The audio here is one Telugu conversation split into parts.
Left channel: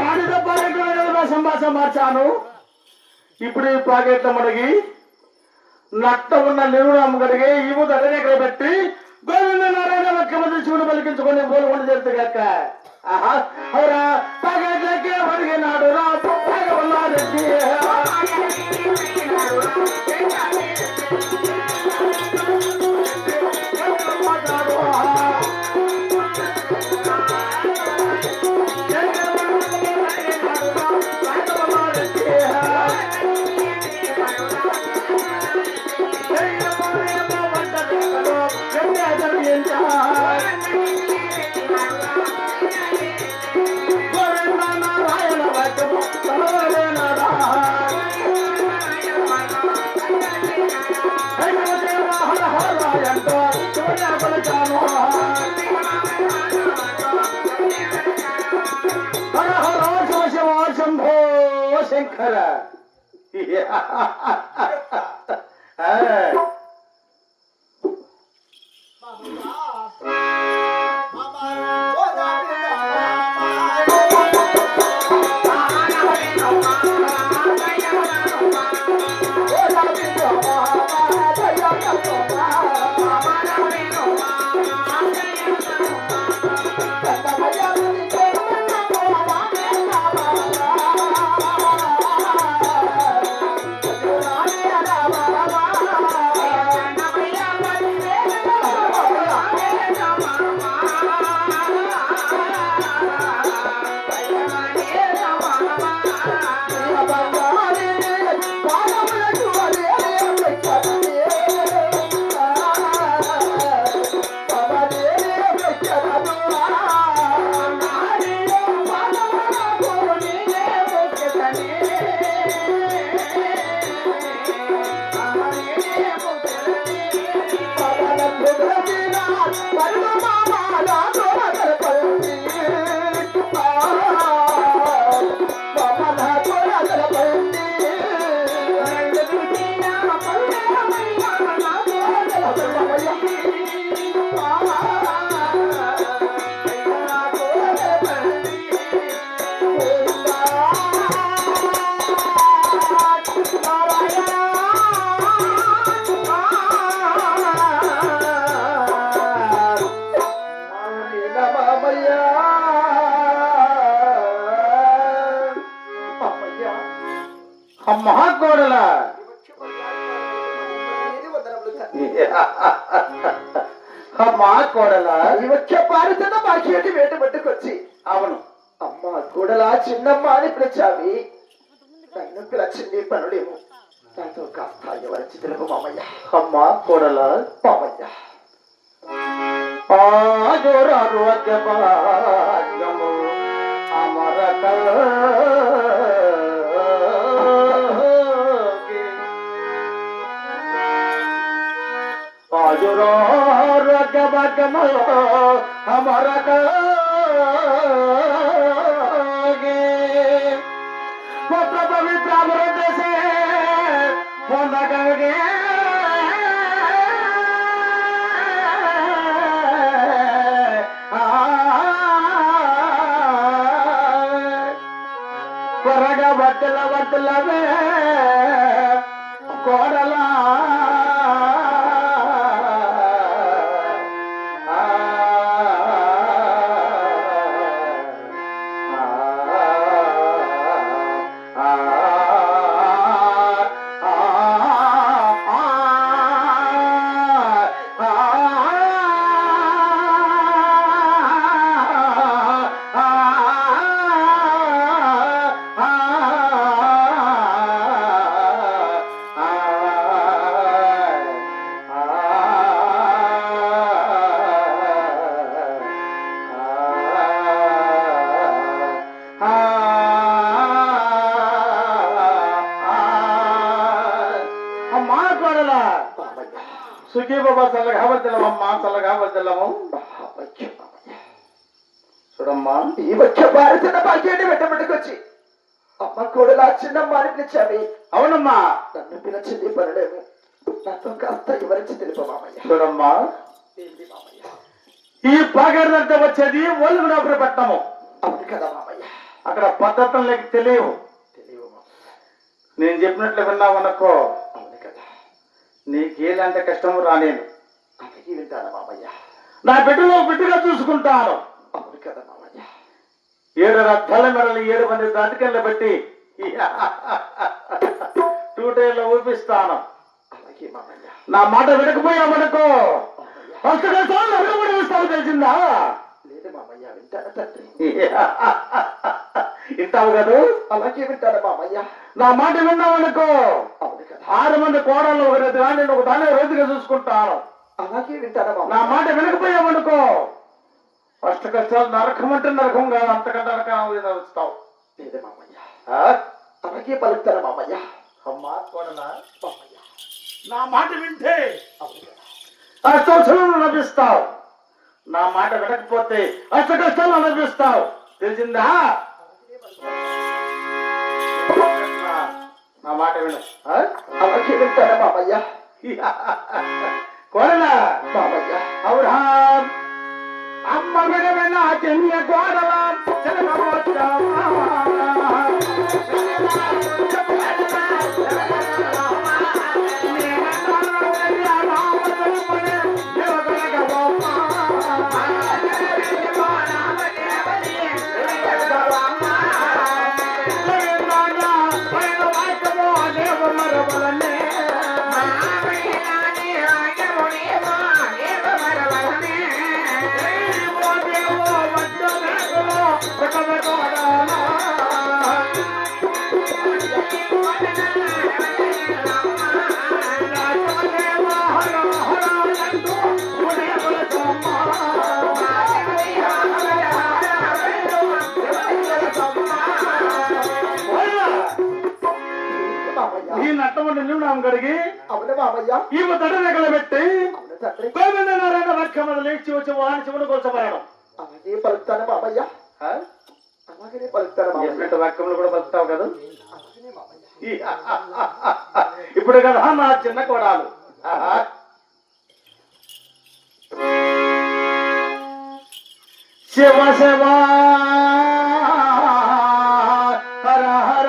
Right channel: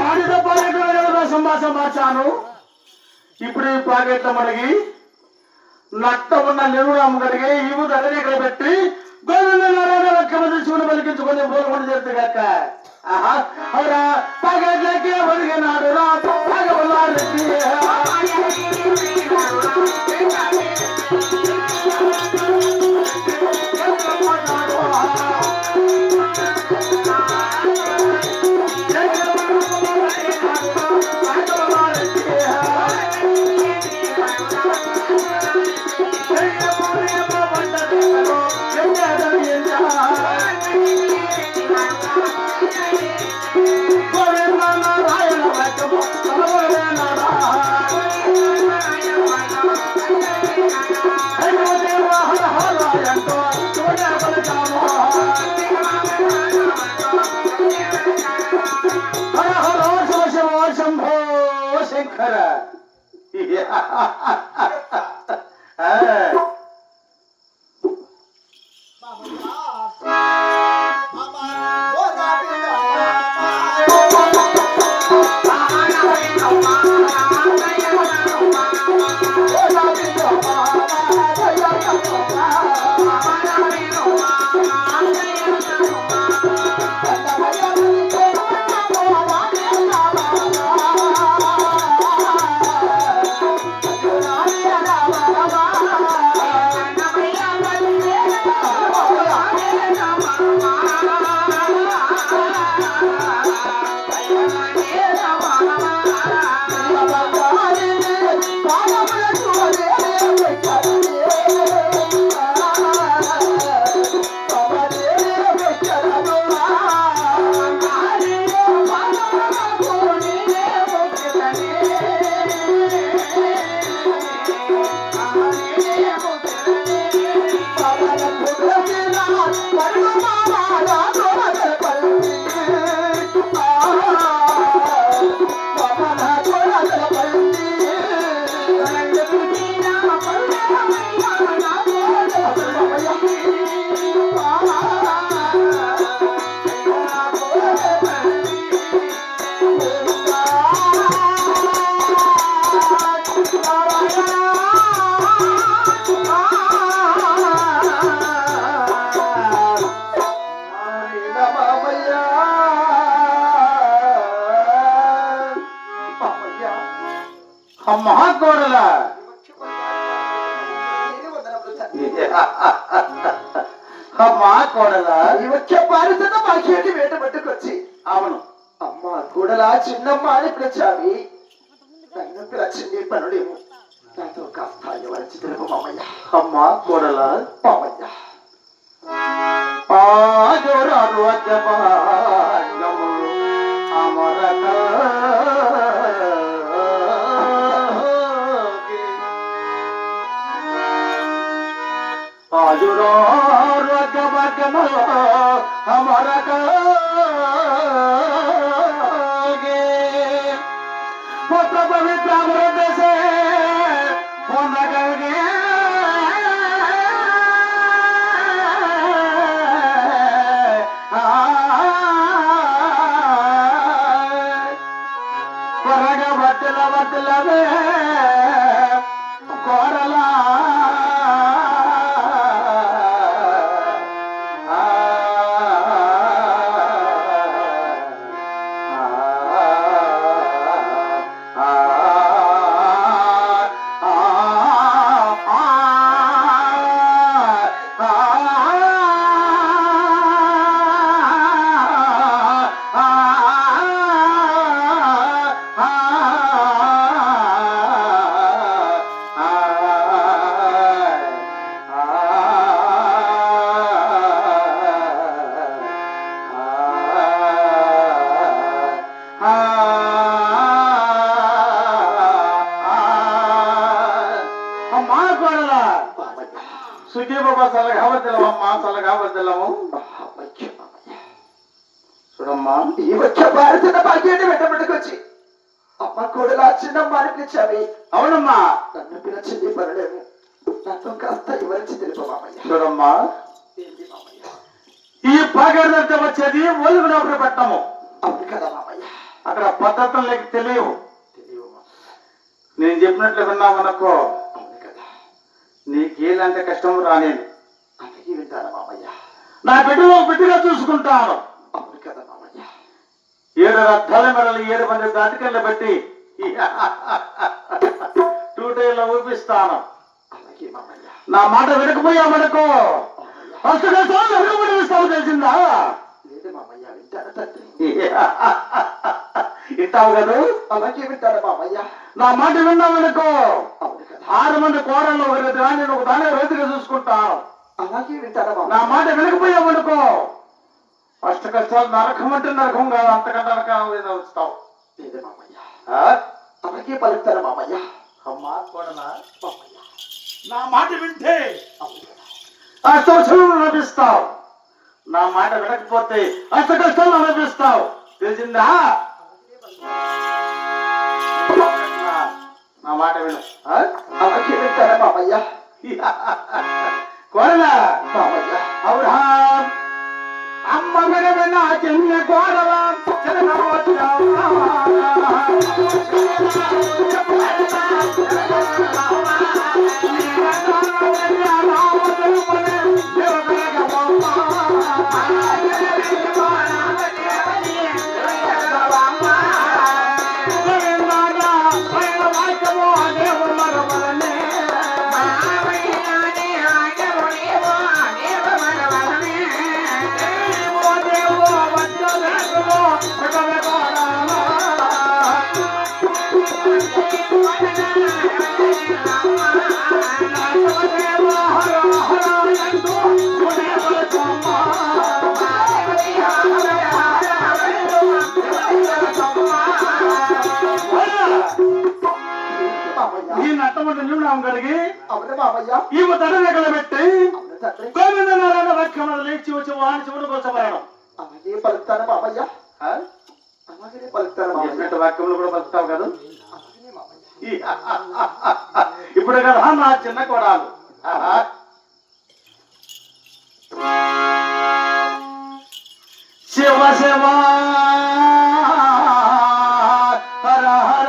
ఆడిన పాకెట్లో సంభాషణ మార్చాను. ఇప్పుడు ఈ పాకెట్ల మనకి నట్ట ఉన్న నిరుడు అమ్మగడిగే ఈ ముందు అదనే కైపెట్టి గోవింద నారాయణ ముఖ్యమంత్రి శివుడు పలికించుకొని పోలకుండా చేస్తే కాక అవురా పాకెట్లకే పడిగినాడు రా రెడ్డి. శంకర మహాకోడల మహాకోడల వచ్చే భారతన మాకేటి వేట పట్టుకొచ్చి అవును అమ్మ కోడల చిన్నమ్మ అని పిలిచావి నన్ను పిలిచింది పనుడేమో నాతో కాస్త ఎవరిచి తెలుపు మామయ్య. అమ్మ కోడల మామయ్య అమరక हमारा पवित्र अमृत से కొరగా బట్టలవే కోరలా సుఖీ బాబా చల్లగా వద్దలమ్మా చల్లగా వద్దలము చూడమ్మా ఈ వచ్చే భారత భాగ్యాన్ని వెంటబెట్టుకొచ్చి అమ్మ కూడా చిన్నమ్మ అని పిలిచావి. అవునమ్మా నన్ను పిలిచింది పర్లేము నాతో కాస్త వివరించి తెలుపు మామయ్య. చూడమ్మా ఈ పాగడంతా వచ్చేది ఒలుగునప్పుడు పట్టము అవును కదా మామయ్య. అక్కడ పద్ధతులు నీకు తెలియవు. నేను చెప్పినట్లు విన్నావనుకో నీకేదంటే కష్టం రానేను. వింటారా మామయ్య? నా బిడ్డలో బిడ్డగా చూసుకుంటాను. అవును కదా మామయ్య. 7 రథాల మెడలు 7 మంది దాటికెళ్ళ పెట్టి టూటైలో ఊపిస్తాను. అలాగే మామయ్య. నా మాట వినకపోయామనుకో ఫస్ట్ కష్టాలు అడుగుపడిస్తావు, తెలిసిందా? లేదు మామయ్య, వింటారా తండ్రి? వింటావు కదా? అలాగే వింటారా మామయ్య? నా మాట విన్నామనుకో అవును కదా. 6 మంది కోడళ్ళు నేను ఒక దాని రోజుగా చూసుకుంటాను. అలాగే వింటారా మామయ్య? నా మాట వినకపోయామనుకో ఫస్ట్ కష్టాలు నరకం అంటే నరకం కాదు, అంతకంటే నరకం వస్తావు. లేదే మామయ్య. అలాగే పలుకుతారా మామయ్య? అమ్మా కోడలా, మామయ్య నా మాట వింటే అవును కదా. అష్టకష్టాలు లభిస్తావు. నా మాట వినకపోతే అష్టకష్టాలు లభిస్తావు, తెలిసిందా? నా మాట విను. అలాగే వింటారా మామయ్య? కోడలా మామయ్య. అవునా అమ్మ వినవిన చెన్న కోడల గడిగి అవునే మామయ్య. ఈ తడ దగ్గర పెట్టి అవును తండ్రి. గోవింద నారాయణ వాక్యములు లేచి వచ్చి వాణి చివరి కోసమేయడం. అలాగే పలుకుతారా మామయ్య? అలాగే పలుకుతారా మామయ్య? వాక్యములు కూడా పలుకుతావు కదా? అలాగే మామయ్య. ఇప్పుడు కదా నా చిన్న కోడాలు శివ శివ హర హర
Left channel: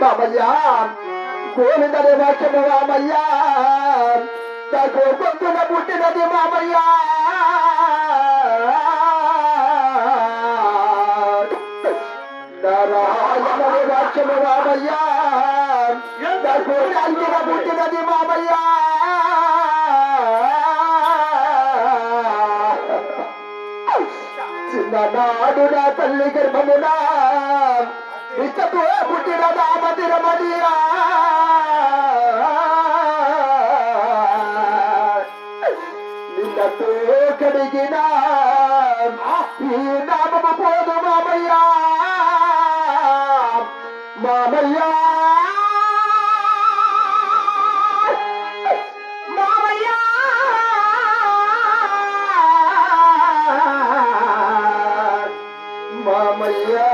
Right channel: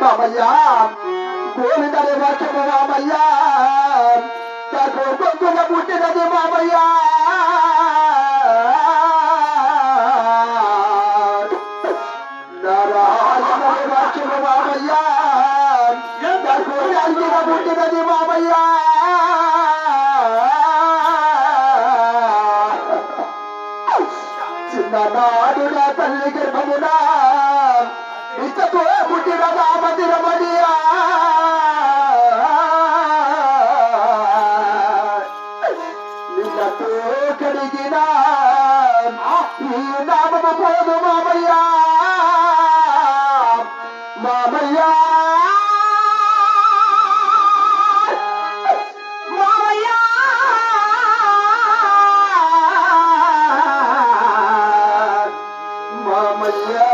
మామయ్యా గోవిందనే వాక్యము మామయ్యా కొడుకున పుట్టినది మామయ్యా నారాయణనే వాక్యము మామయ్యా పుట్టినది మామయ్యా చిన్ననాడు నా తల్లి గర్భమునా ఇష్టతో పుట్టిన రామదిరమణియా నిన్నతో కడిగిన ఈ నామము పోదు మామయ్యా మామయ్యా మామయ్యా మామయ్యా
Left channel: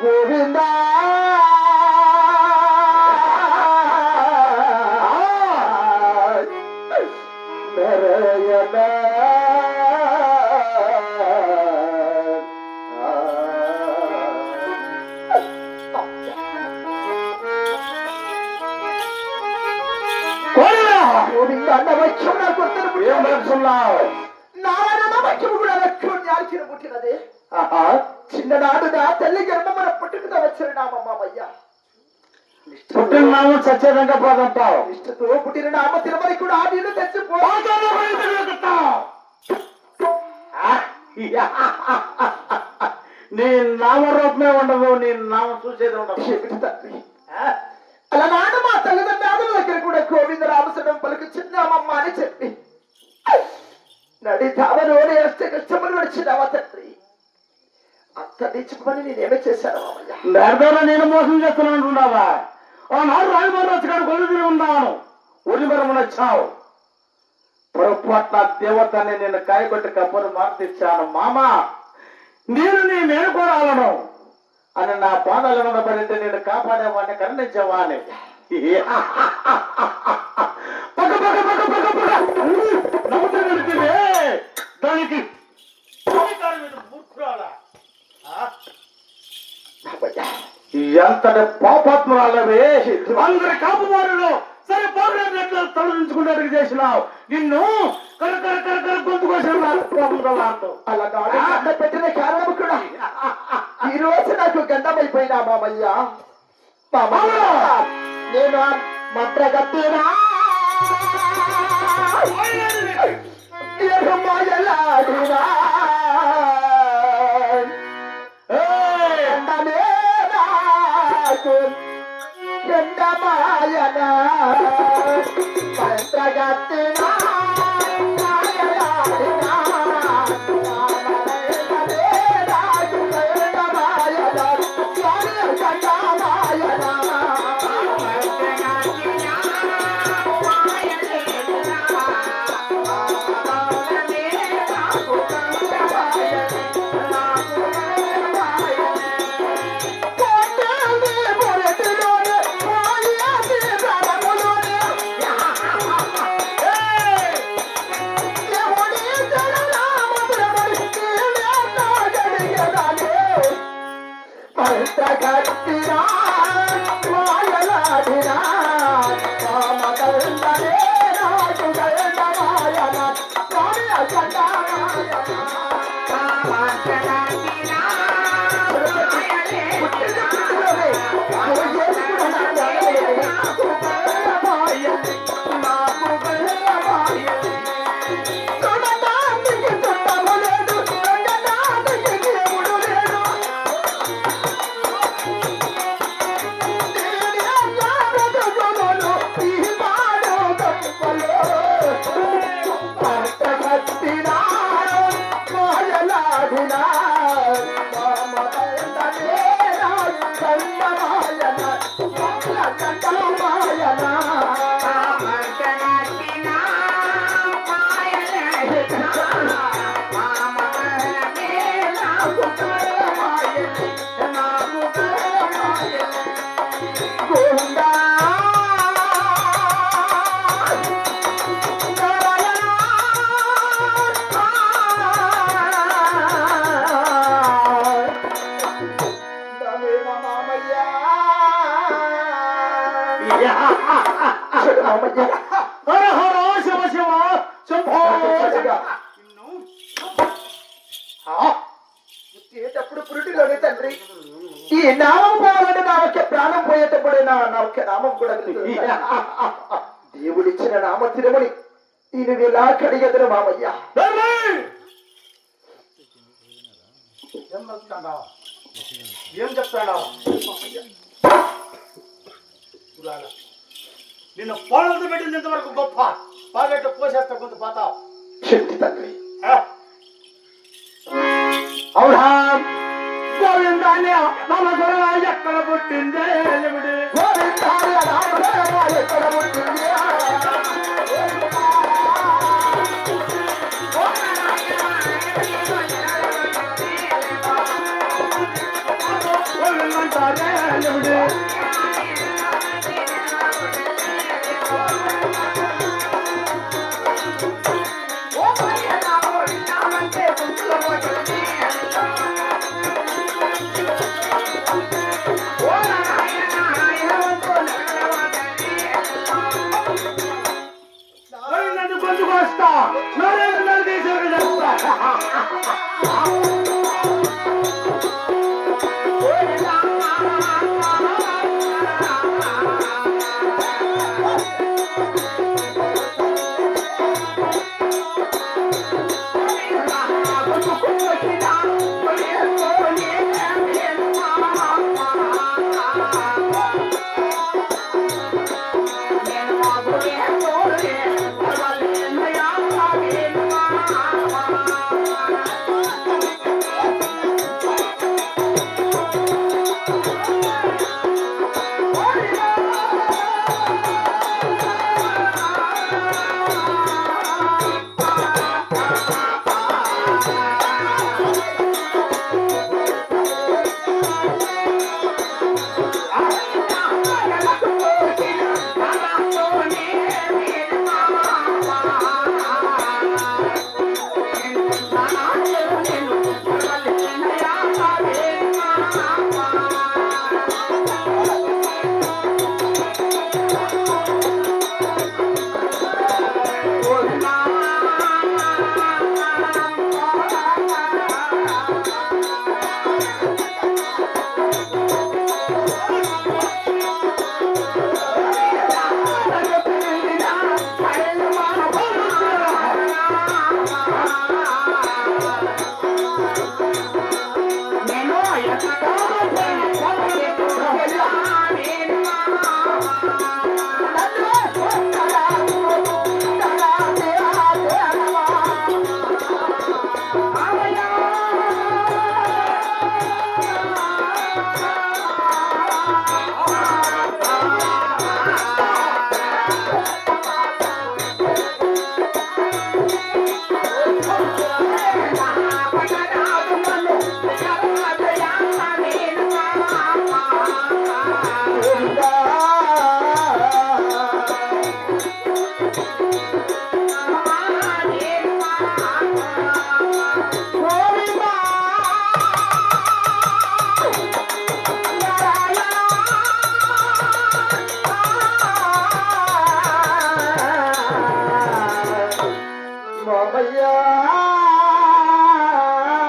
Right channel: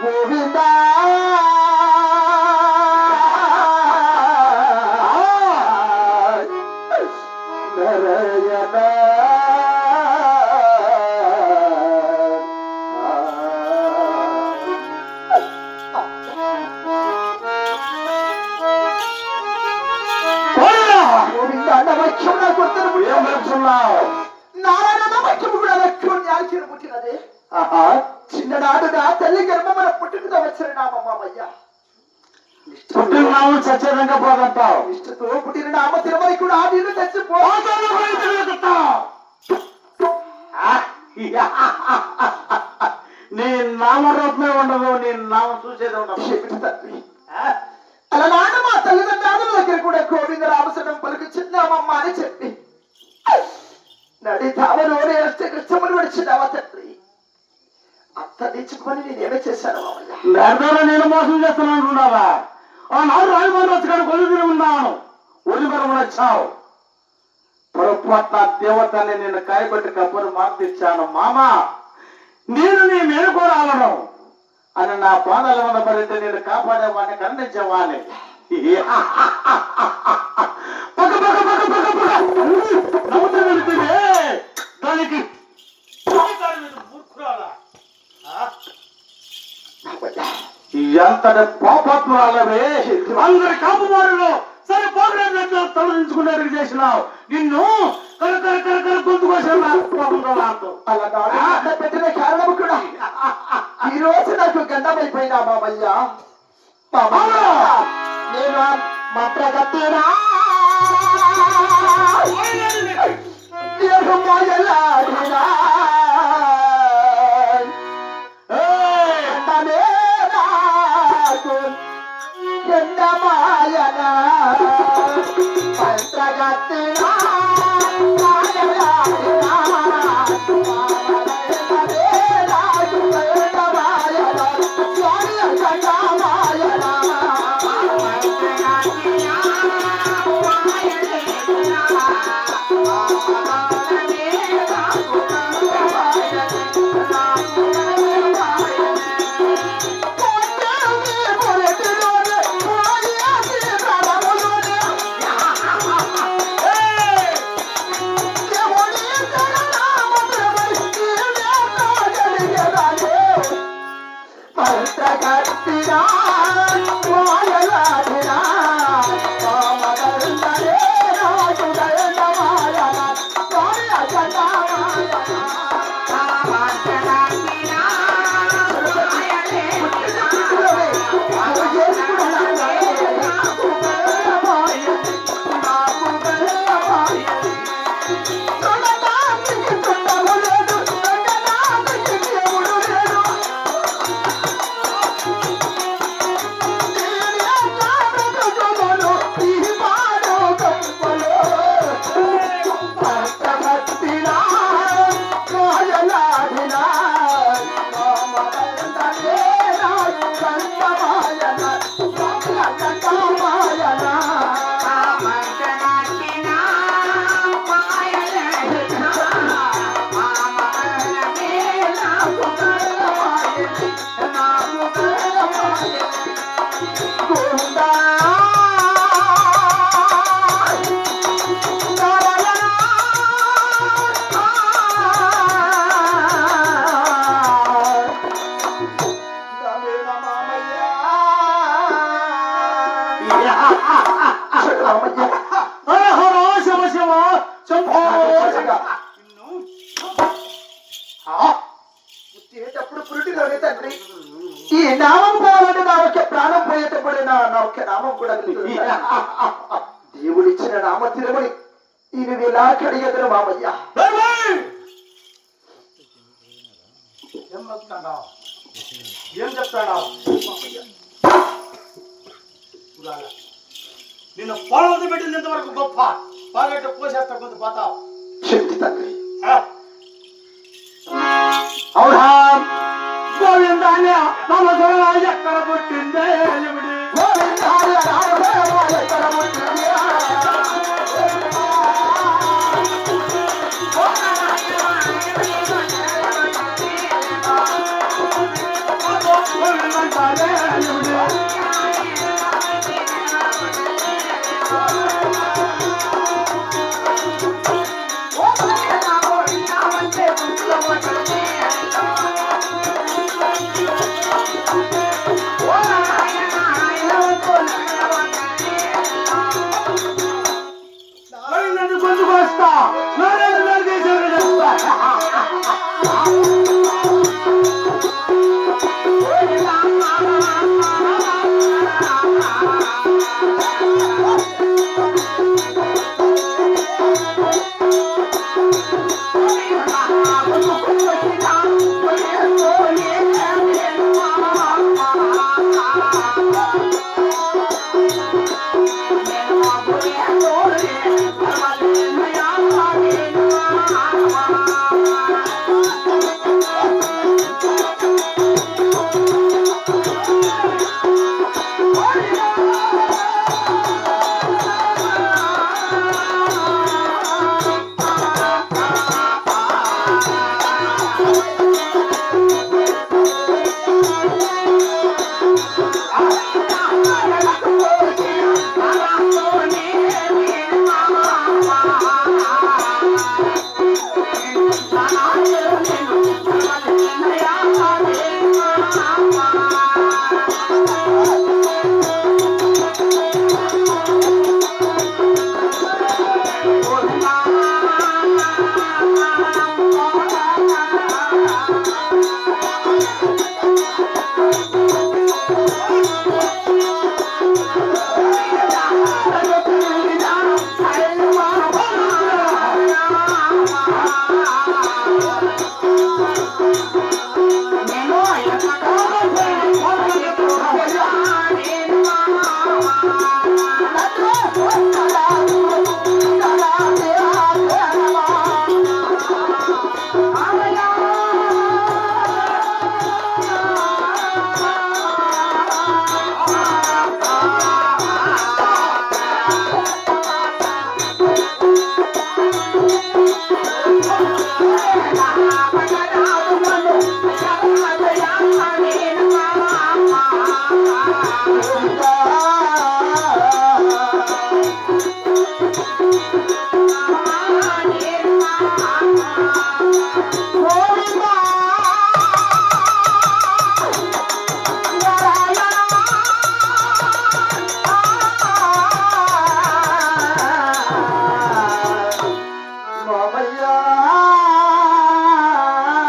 గోవిందా నరయణ గోవిందా నవక్షణ కొత్తరు ఏం నడుచున్నావు? నారాయణ వాక్యము కూడా లక్ష్యం న్యాల్చిన పుట్టినది చిన్ననాడు నా తల్లి గర్భమున పుట్టినతో వచ్చిన నామ మామయ్య పుట్టిన నామం సత్యంగా పోదంటావు. ఇష్టతో పుట్టిన నామ తిరుమల నీ నామరూపమే ఉండదు, నీ నామం చూసేది ఉండదు. ఏమిటి తండ్రి అలనాడు మా తల్లిదండ్రుల దగ్గర కూడా గోవింద రామచంద్రం పలుకుచున్నామమ్మా అని చెప్పి నడి ధావలోని కష్టములు విడిచినావా తండ్రి? అంత నిచ్చుకొని నేనేమే చేశాను మామయ్య? నేర్దలో నేను మోసం చేస్తున్నాను అంటున్నావా? ఆనాడు రాజభవన్ వచ్చి కొలుదిని ఉన్నాను, ఒలిమరం వచ్చావు. పొరపాటున దేవతని నేను కాయకొట్టి కప్పులు మార్తిచ్చాను. మామ, నేను నీ మేలుకోరాలను అని నా పాదాల మీద పడితే నేను కాపాడేవాడిని, కరుణించేవాడిని. పక్క పక్క పక్క పక్క పక్క నవ్వుతూ వెళితే దానికి ఎంతటి పాపాత్మరాలవే! అందరి కాపువారిలో సరే పోగ్రాంలో తొలగించుకునేది చేసినావు. నిన్ను కరకర కరకర గొంతుకోసాను. అలా పెట్టిన కారణం కూడా ఈ రోజు నాకు గండమైపోయినా మామయ్య. నేను మంత్రగట్టినా ఎండమాయనా మంత్రగట్టినా పుట్టేటప్పుడు పురుటిలోనే తండ్రి ఈ నామం పోవాలంటే నా ఒక్క ప్రాణం పోయేటప్పుడే నా ఒక్క నామం కూడా దేవుడిచ్చిన నామ తిరుమని ఇది ఇలా కడిగెదరు మామయ్య. ఏం చెప్తాడా? నిన్ను పాలతో పెట్టినంత వరకు గొప్ప, పాలెట్టు పోసేస్తా కొంత పోతావు. శక్తి తండ్రి అవునా? గోవిందాన్ని మన ఎక్కడ పుట్టిందే ఎక్కడ పుట్టింది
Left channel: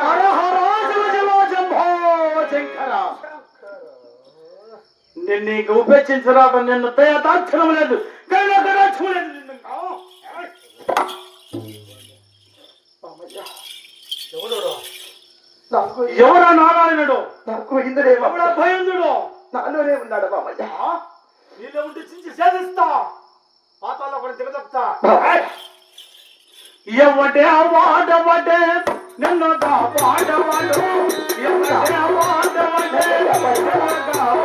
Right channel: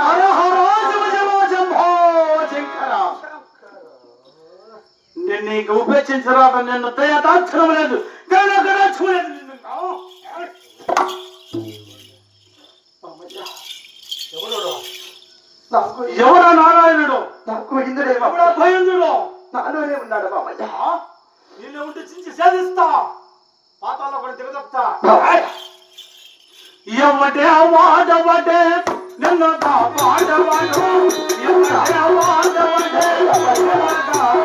హర హర శివ శివ శంభో శంకర. నేను నీకు ఉపేక్షించరాక నిన్ను దయదాక్షరం లేదు చూడలేదు నిన్ను. ఎవరో నారాయణుడు నాకు ఇంద్రుడే ఎవడో భయందుడు నాలోనే ఉన్నాడు బాబయ్య. నీళ్ళు ఉంటే చించి సేధిస్తా పాతాల్లో కూడా దిగదొక్తా. ఎవటే వాడవటే నిన్ను వాడవాడు ఎవటే వాడవటే బాబయ్య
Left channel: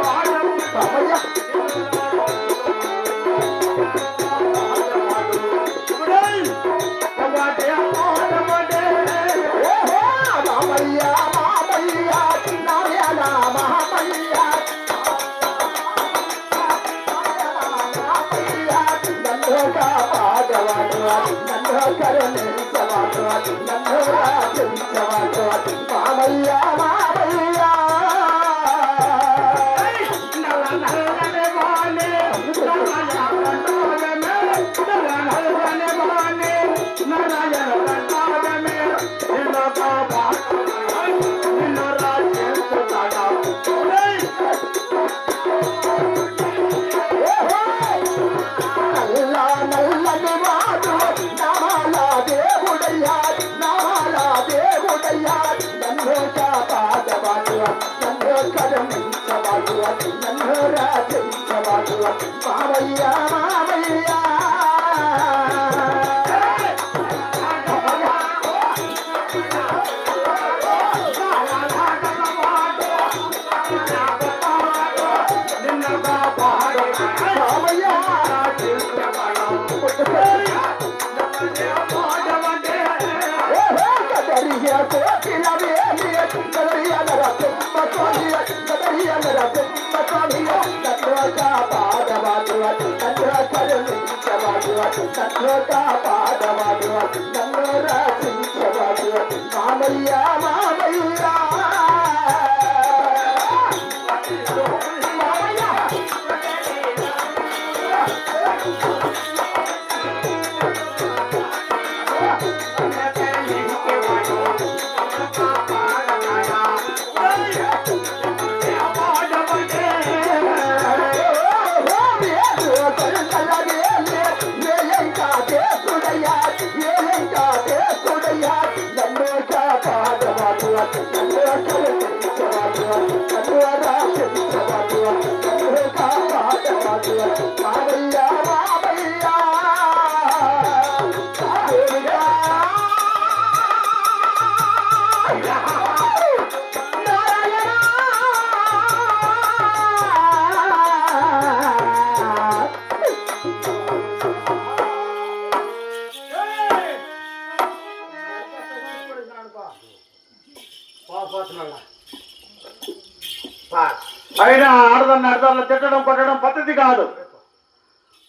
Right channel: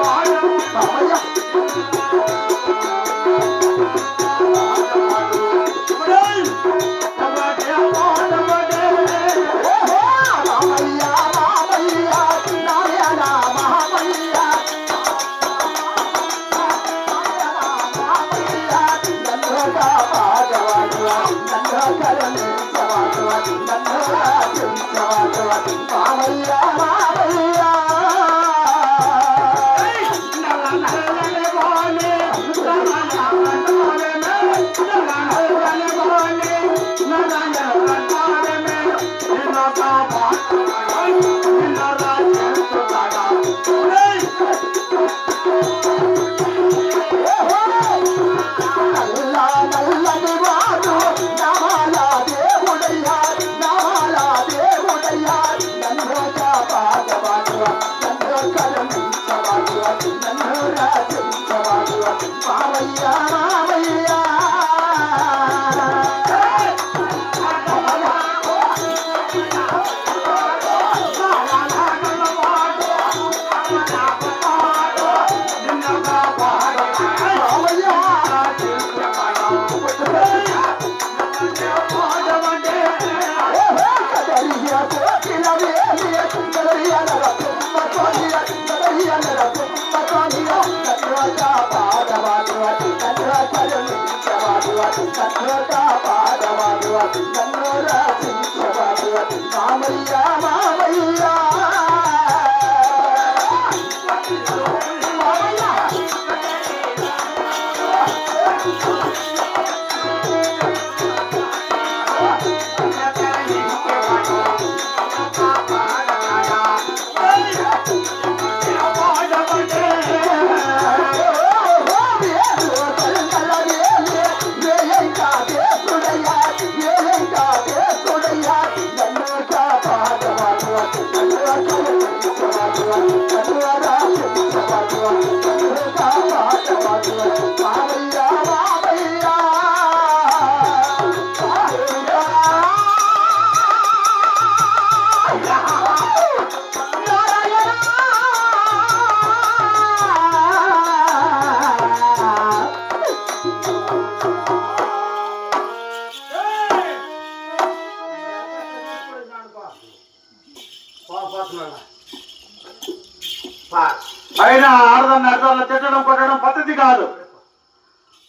అయినా ఆడదాన్ని అర్థాల్లో తిట్టడం కొట్టడం పద్ధతి కాదు.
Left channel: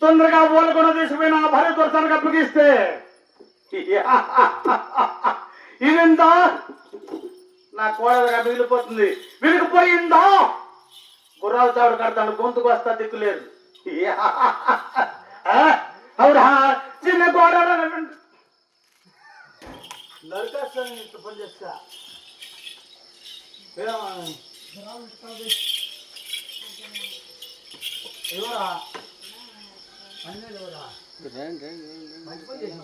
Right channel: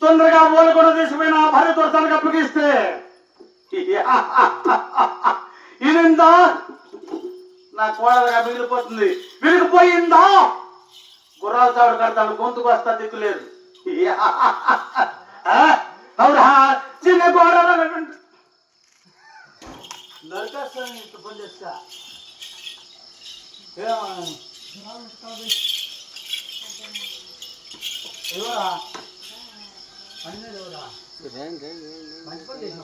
తొందరగా మూలకొండ తీసుకుపోయిన భార్యతో తనకు అప్పగిస్తే ఇదిందా నా కోడలుగా మిగిలిపోతుంది. విరిగిపోయిందా గుర్రాలు తాడు కడతాను గొంతుకు వస్తా దిక్కులేదు. అవునా చిన్న కోడలు నరకాస్తాను ఇంత పని చేస్తా. ఎవరా ఎవరా మంచి పని చేసిన